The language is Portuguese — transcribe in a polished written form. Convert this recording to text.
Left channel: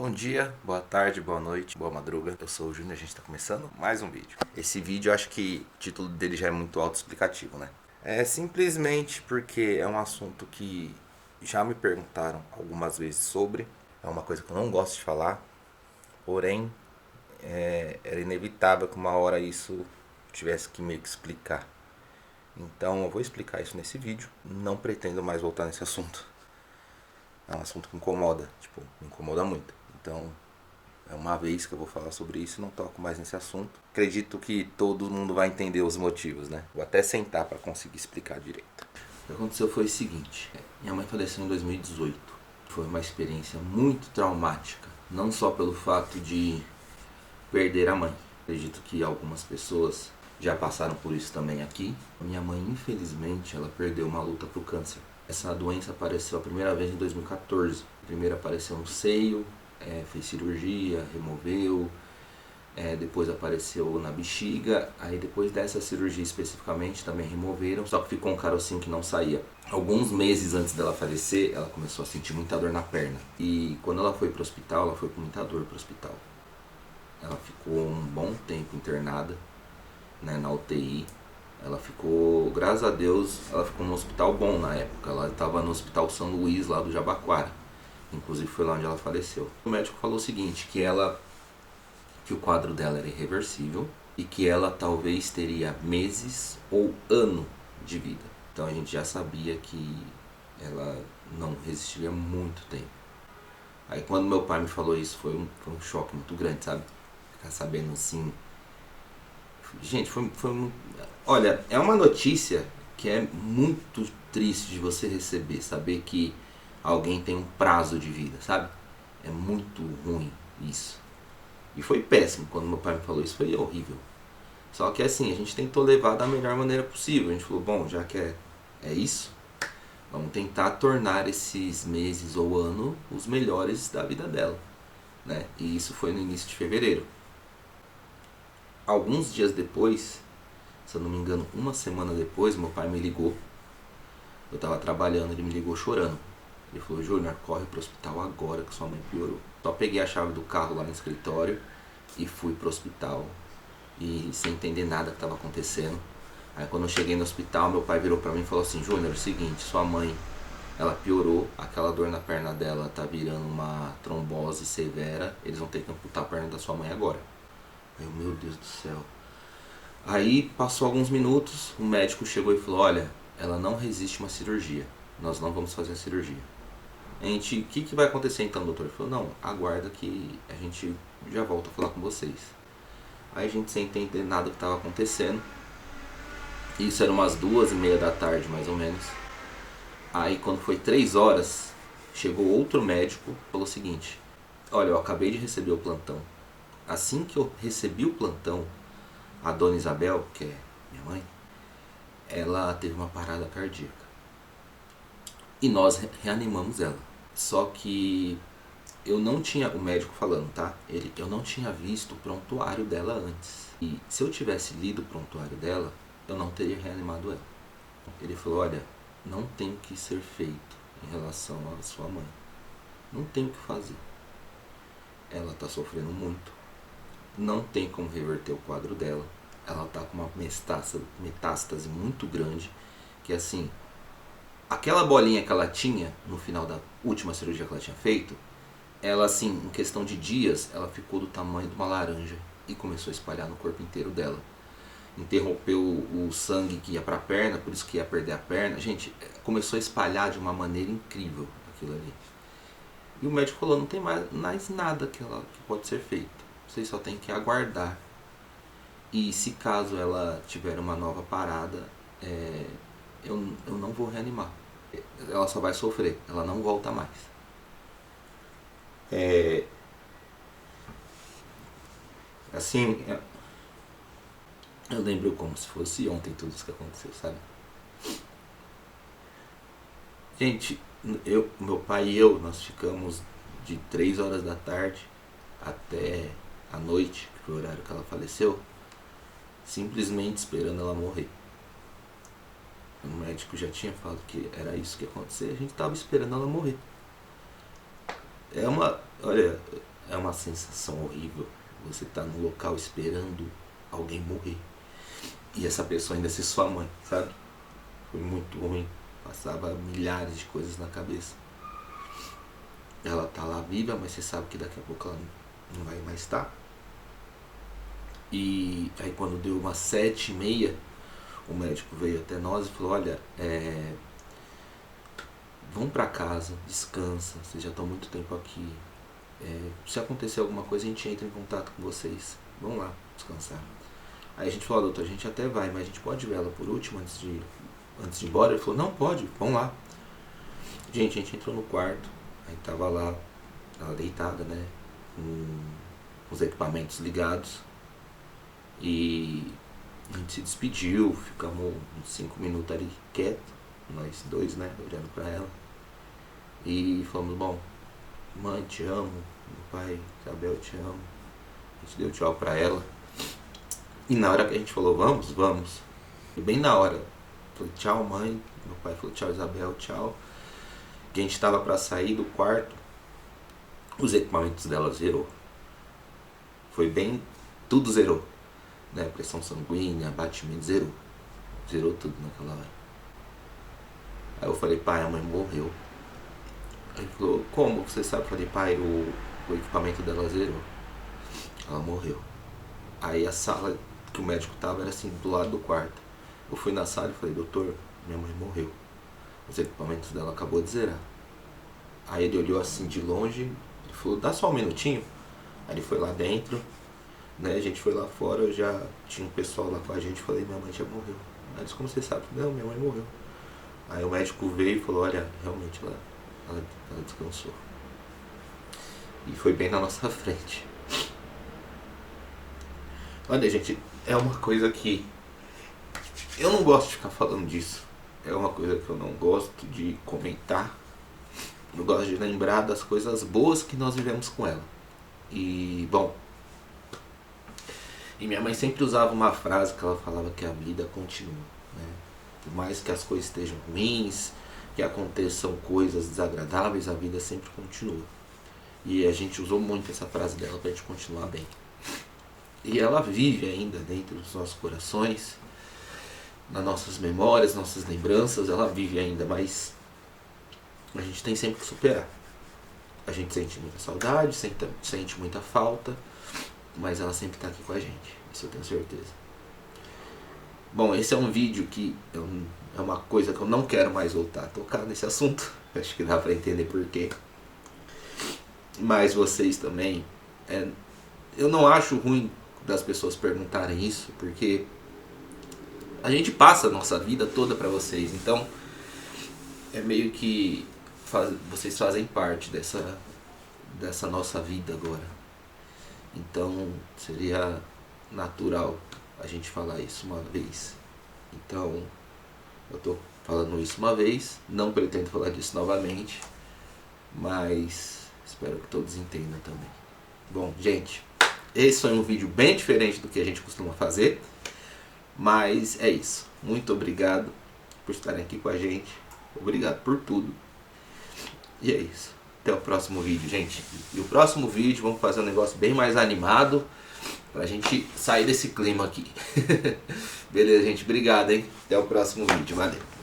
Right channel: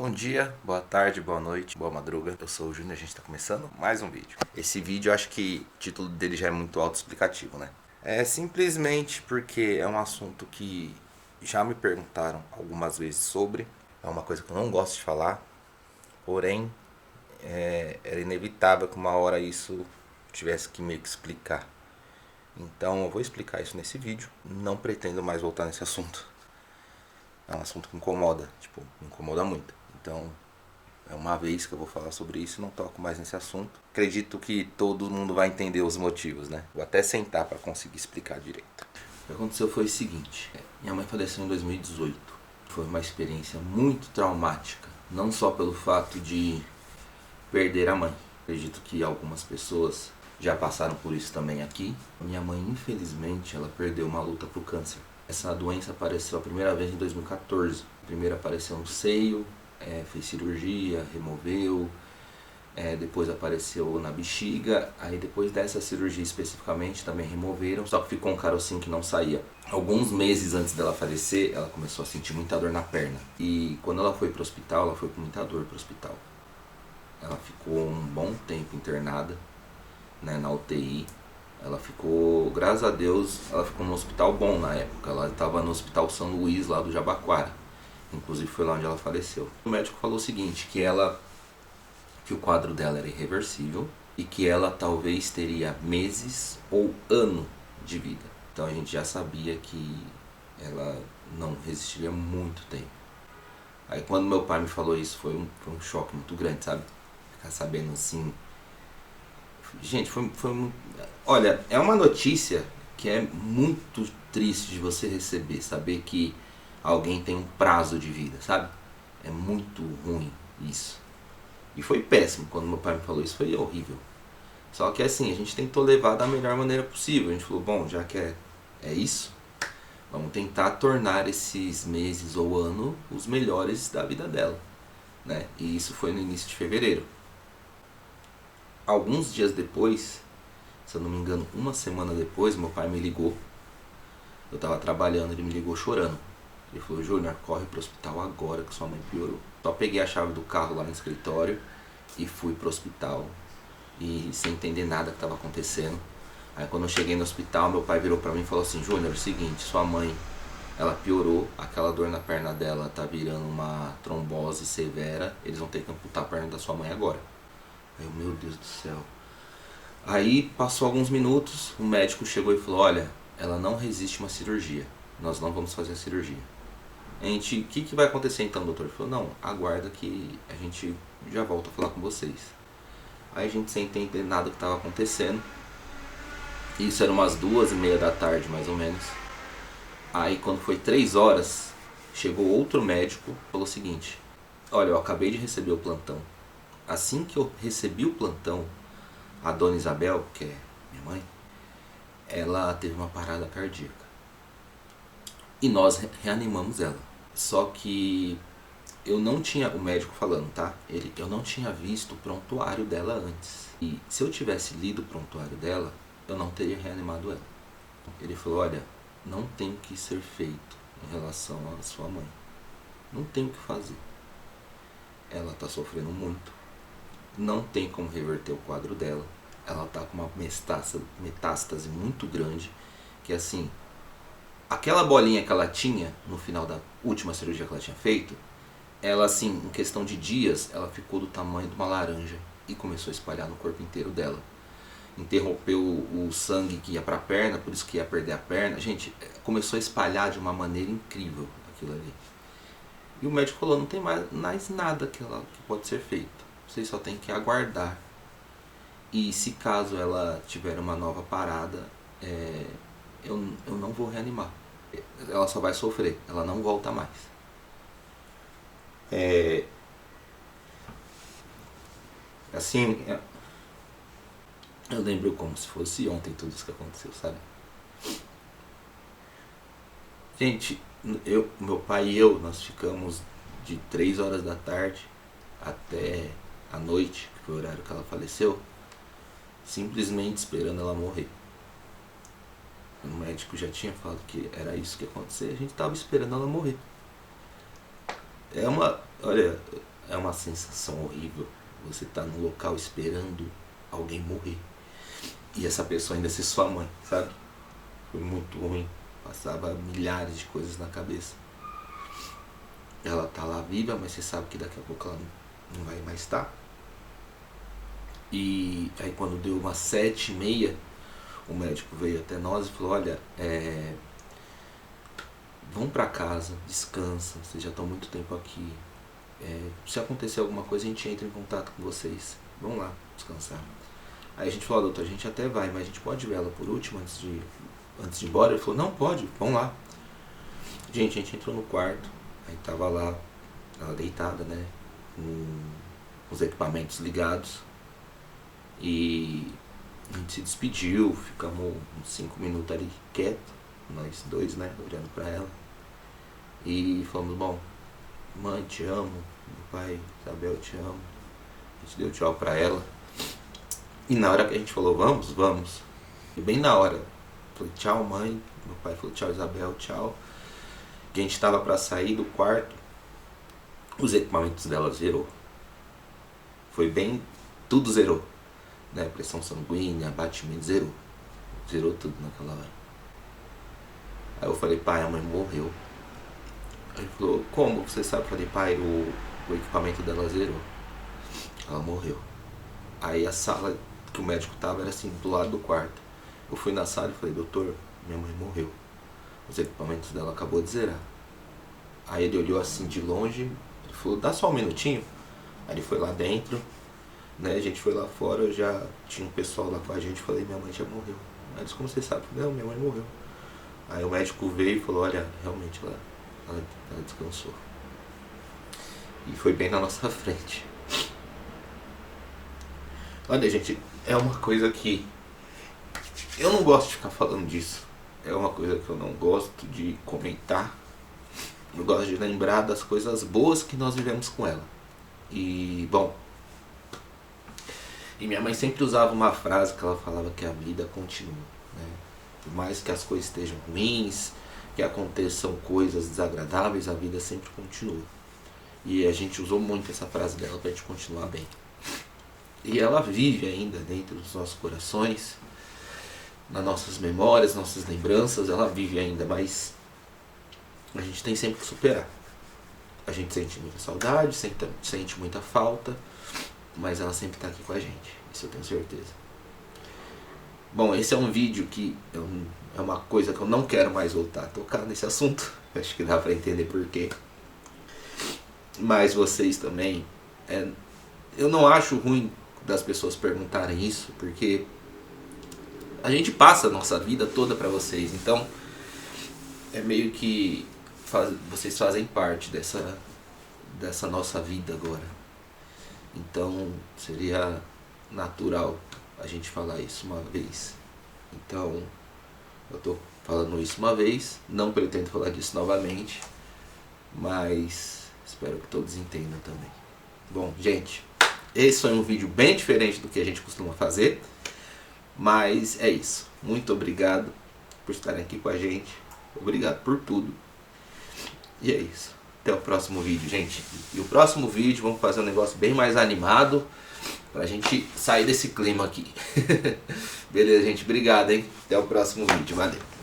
Bom dia, boa tarde, boa noite, boa madruga. Eu sou o Júnior, a gente tá começando mais um vídeo. Esse vídeo, eu acho que o título dele já é muito autoexplicativo, né? É simplesmente porque é um assunto que já me perguntaram algumas vezes sobre. É uma coisa que eu não gosto de falar, porém, era inevitável que uma hora isso tivesse que meio que explicar. Então eu vou explicar isso nesse vídeo. Não pretendo mais voltar nesse assunto. É um assunto que incomoda, me incomoda muito. Então, é uma vez que eu vou falar sobre isso e não toco mais nesse assunto. Acredito que todo mundo vai entender os motivos, né? Vou até sentar para conseguir explicar direito. O que aconteceu foi o seguinte: minha mãe faleceu em 2018. Foi uma experiência muito traumática, não só pelo fato de perder a mãe. Acredito que algumas pessoas já passaram por isso também aqui. Minha mãe, infelizmente, ela perdeu uma luta pro câncer. Essa doença apareceu a primeira vez em 2014. Primeiro apareceu no seio, fez cirurgia, removeu, depois apareceu na bexiga, aí depois dessa cirurgia especificamente também removeram, só que ficou um carocinho que não saía. Alguns meses antes dela falecer, ela começou a sentir muita dor na perna. E quando ela foi pro hospital, ela foi com muita dor pro hospital. Ela ficou um bom tempo internada, né, na UTI. Ela ficou, graças a Deus, ela ficou num hospital bom na época. Ela estava no Hospital São Luís, lá do Jabaquara. Inclusive foi lá onde ela faleceu. O médico falou o seguinte, que o quadro dela era irreversível e que ela talvez teria meses ou ano de vida. Então a gente já sabia que ela não resistiria muito tempo. Aí quando meu pai me falou isso, foi um choque muito grande, sabe? Ficar sabendo assim. Gente, foi muito... Olha, é uma notícia que é muito triste de você receber, saber que alguém tem um prazo de vida, sabe? É muito ruim isso. E foi péssimo, quando meu pai me falou isso, foi horrível. Só que assim, a gente tentou levar da melhor maneira possível. A gente falou, bom, já que é isso, vamos tentar tornar esses meses ou ano os melhores da vida dela, né? E isso foi no início de fevereiro. Alguns dias depois, se eu não me engano, uma semana depois, meu pai me ligou. Eu tava trabalhando, ele me ligou chorando. Ele falou, Júnior, corre pro hospital agora que sua mãe piorou. Só peguei a chave do carro lá no escritório e fui pro hospital. E sem entender nada que estava acontecendo. Aí quando eu cheguei no hospital, meu pai virou pra mim e falou assim, Júnior, é o seguinte, sua mãe, ela piorou, aquela dor na perna dela tá virando uma trombose severa, eles vão ter que amputar a perna da sua mãe agora. Aí eu, meu Deus do céu. Aí passou alguns minutos, o médico chegou e falou, olha, ela não resiste uma cirurgia, nós não vamos fazer a cirurgia. O que vai acontecer então, doutor? Ele falou, não, aguarda que a gente já volta a falar com vocês. Aí a gente sem entender nada do que estava acontecendo. Isso era umas 2:30 da tarde, mais ou menos. Aí quando foi 3 horas, chegou outro médico e falou o seguinte, olha, eu acabei de receber o plantão. Assim que eu recebi o plantão, a dona Isabel, que é minha mãe, ela teve uma parada cardíaca. E nós reanimamos ela. Só que eu não tinha, o médico falando, tá? Eu não tinha visto o prontuário dela antes. E se eu tivesse lido o prontuário dela, eu não teria reanimado ela. Ele falou, olha, não tem o que ser feito em relação à sua mãe. Não tem o que fazer. Ela tá sofrendo muito. Não tem como reverter o quadro dela. Ela tá com uma metástase muito grande, que assim, aquela bolinha que ela tinha no final da última cirurgia que ela tinha feito, ela assim, em questão de dias, ela ficou do tamanho de uma laranja e começou a espalhar no corpo inteiro dela. Interrompeu o sangue que ia para a perna, por isso que ia perder a perna. Gente, começou a espalhar de uma maneira incrível aquilo ali. E o médico falou, não tem mais nada que pode ser feito. Vocês só tem que aguardar. E se caso ela tiver uma nova parada, eu não vou reanimar. Ela só vai sofrer, ela não volta mais. Assim, eu lembro como se fosse ontem tudo isso que aconteceu, sabe? Gente, meu pai e eu, nós ficamos de 3 horas da tarde até a noite, que foi o horário que ela faleceu, simplesmente esperando ela morrer. O médico já tinha falado que era isso que ia acontecer, a gente tava esperando ela morrer. Olha, é uma sensação horrível. Você tá num local esperando alguém morrer. E essa pessoa ainda ser sua mãe, sabe? Foi muito ruim. Passava milhares de coisas na cabeça. Ela tá lá viva, mas você sabe que daqui a pouco ela não vai mais estar. E aí quando deu umas 7h30, o médico veio até nós e falou, olha, vão pra casa, descansa, vocês já estão muito tempo aqui. Se acontecer alguma coisa, a gente entra em contato com vocês. Vão lá descansar. Aí a gente falou, doutor, a gente até vai, mas a gente pode ver ela por último antes de ir embora? Ele falou, não, pode, vão lá. Gente, a gente entrou no quarto, aí tava lá, ela deitada, né, com os equipamentos ligados. E a gente se despediu, ficamos uns 5 minutos ali quieto, nós dois, né, olhando pra ela. E falamos, bom, mãe, te amo, meu pai, Isabel, te amo. A gente deu tchau pra ela. E na hora que a gente falou, vamos. E bem na hora, falei, tchau mãe, meu pai falou, tchau Isabel, tchau. Que a gente tava pra sair do quarto, os equipamentos dela zerou. Foi bem, tudo zerou. Né? Pressão sanguínea, batimento, zerou. Zerou tudo naquela hora. Aí eu falei, pai, a mãe morreu. Aí ele falou, como você sabe? Eu falei, pai, o equipamento dela zerou. Ela morreu. Aí a sala que o médico tava era assim, do lado do quarto. Eu fui na sala e falei, doutor, minha mãe morreu. Os equipamentos dela acabou de zerar. Aí ele olhou assim de longe, ele falou, dá só um minutinho. Aí ele foi lá dentro, né? A gente foi lá fora, já tinha um pessoal lá com a gente, falei, minha mãe já morreu. Aí ele disse, como você sabe? Eu falei, não, minha mãe morreu. Aí o médico veio e falou, olha, realmente ela descansou. E foi bem na nossa frente. Olha, gente, é uma coisa que eu não gosto de ficar falando disso. É uma coisa que eu não gosto de comentar. Eu gosto de lembrar das coisas boas que nós vivemos com ela. E, bom, e minha mãe sempre usava uma frase que ela falava que a vida continua, né? Por mais que as coisas estejam ruins, que aconteçam coisas desagradáveis, a vida sempre continua. E a gente usou muito essa frase dela pra gente continuar bem. E ela vive ainda dentro dos nossos corações, nas nossas memórias, nossas lembranças, ela vive ainda, mas a gente tem sempre que superar. A gente sente muita saudade, sente muita falta, mas ela sempre está aqui com a gente, isso eu tenho certeza. Bom, esse é um vídeo que é uma coisa que eu não quero mais voltar a tocar nesse assunto, acho que dá para entender por quê. Mas vocês também, eu não acho ruim das pessoas perguntarem isso, porque a gente passa a nossa vida toda para vocês, então é meio que vocês fazem parte dessa nossa vida agora. Então seria natural a gente falar isso uma vez. Então eu tô falando isso uma vez, não pretendo falar disso novamente, mas espero que todos entendam também. Bom, gente, esse foi um vídeo bem diferente do que a gente costuma fazer, mas é isso. Muito obrigado por estarem aqui com a gente. Obrigado por tudo. E é isso. Até o próximo vídeo, gente. E o próximo vídeo vamos fazer um negócio bem mais animado pra gente sair desse clima aqui. Beleza, gente? Obrigado, hein? Até o próximo vídeo. Valeu.